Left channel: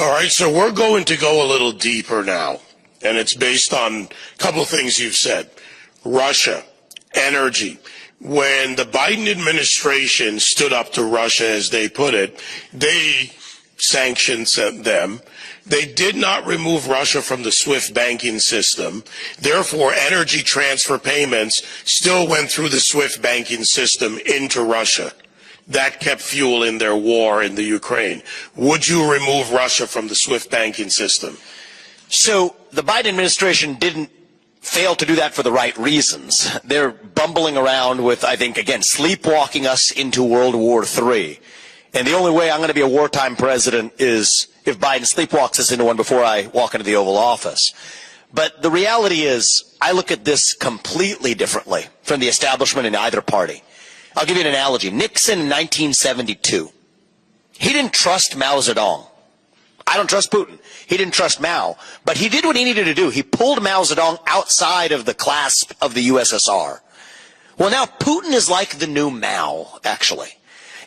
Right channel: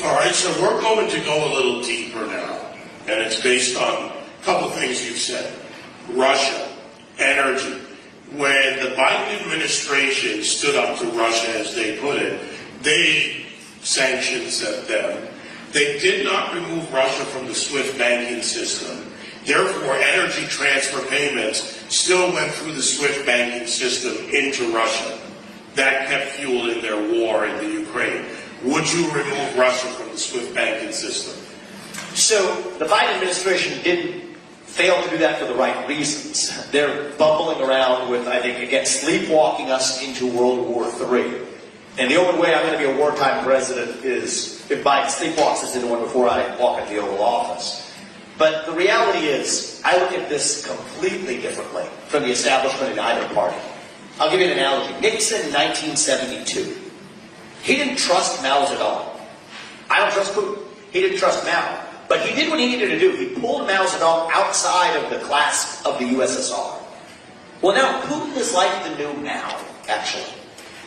All right, so we're going to go a little deeper now, and it's based on a couple of things you've said. Russia, energy. When the Biden administration stood up to Russia, as they put it, they sanctioned them. They did not remove Russia from the SWIFT banking system. Therefore, energy transfer payments still went through the SWIFT banking system into Russia. That kept fueling their war in the Ukraine. Would you remove Russia from the SWIFT banking system? So the Biden administration didn't fail to do that for the right reasons. They're bumbling around with, I think, again, sleepwalking us into World War III. And the only way I'm going to be a wartime president is if Biden sleepwalks us into one before I walk into the Oval Office. But the reality is, I look at this completely differently from the establishment in either party. I'll give you an analogy. Nixon in 1972. He didn't trust Mao Zedong. I don't trust Putin. He didn't trust Mao. But he did what he needed to do. He pulled Mao Zedong outside of the clasp of the USSR. Well, now Putin is like the new Mao, actually.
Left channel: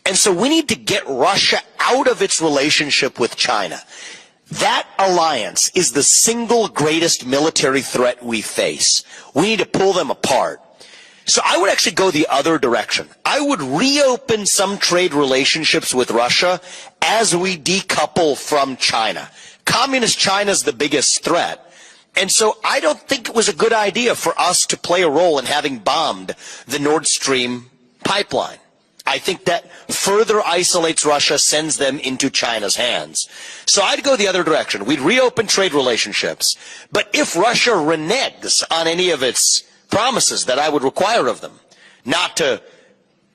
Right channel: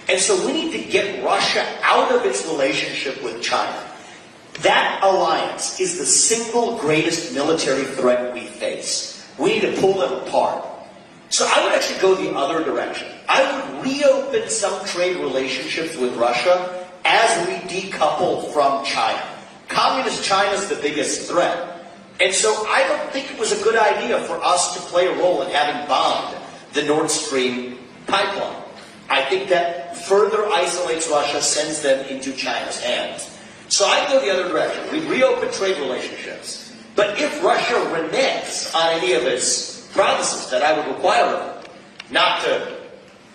And so we need to get Russia out of its relationship with China. That alliance is the single greatest military threat we face. We need to pull them apart. So I would actually go the other direction. I would reopen some trade relationships with Russia as we decouple from China. Communist China is the biggest threat. And so I don't think it was a good idea for us to play a role in having bombed the Nord Stream pipeline. I think that further isolates Russia, sends them into China's hands. So I'd go the other direction. We'd reopen trade relationships. But if Russia reneges on any of its promises that I would require of them, not to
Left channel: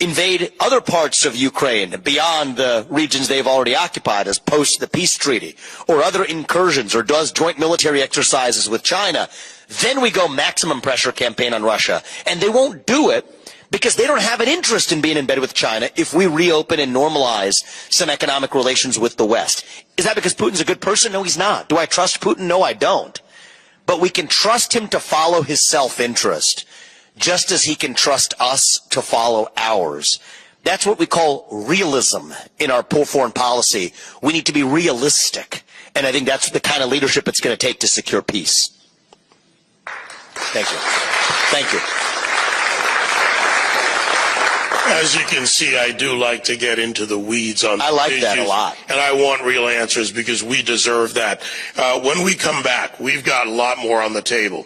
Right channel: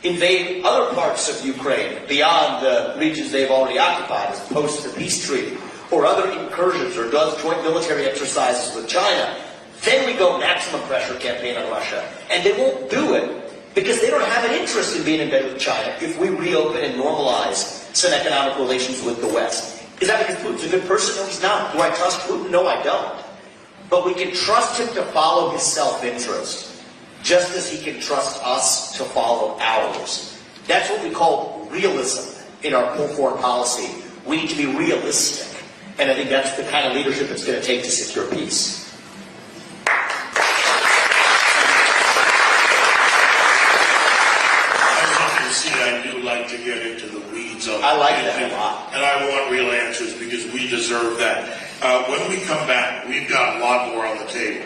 invade other parts of Ukraine beyond the regions they've already occupied as post the peace treaty, or other incursions, or does joint military exercises with China, then we go maximum pressure campaign on Russia. And they won't do it because they don't have an interest in being in bed with China if we reopen and normalize some economic relations with the West. Is that because Putin's a good person? No, he's not. Do I trust Putin? No, I don't. But we can trust him to follow his self-interest, just as he can trust us to follow ours. That's what we call realism in our foreign policy. We need to be realistic. And I think that's the kind of leadership it's going to take to secure peace. Thank you. Thank you. As you can see, I do like to get into the weeds on I like that a lot. And I want real answers because we deserve that. When we come back, we've got a lot more on the table.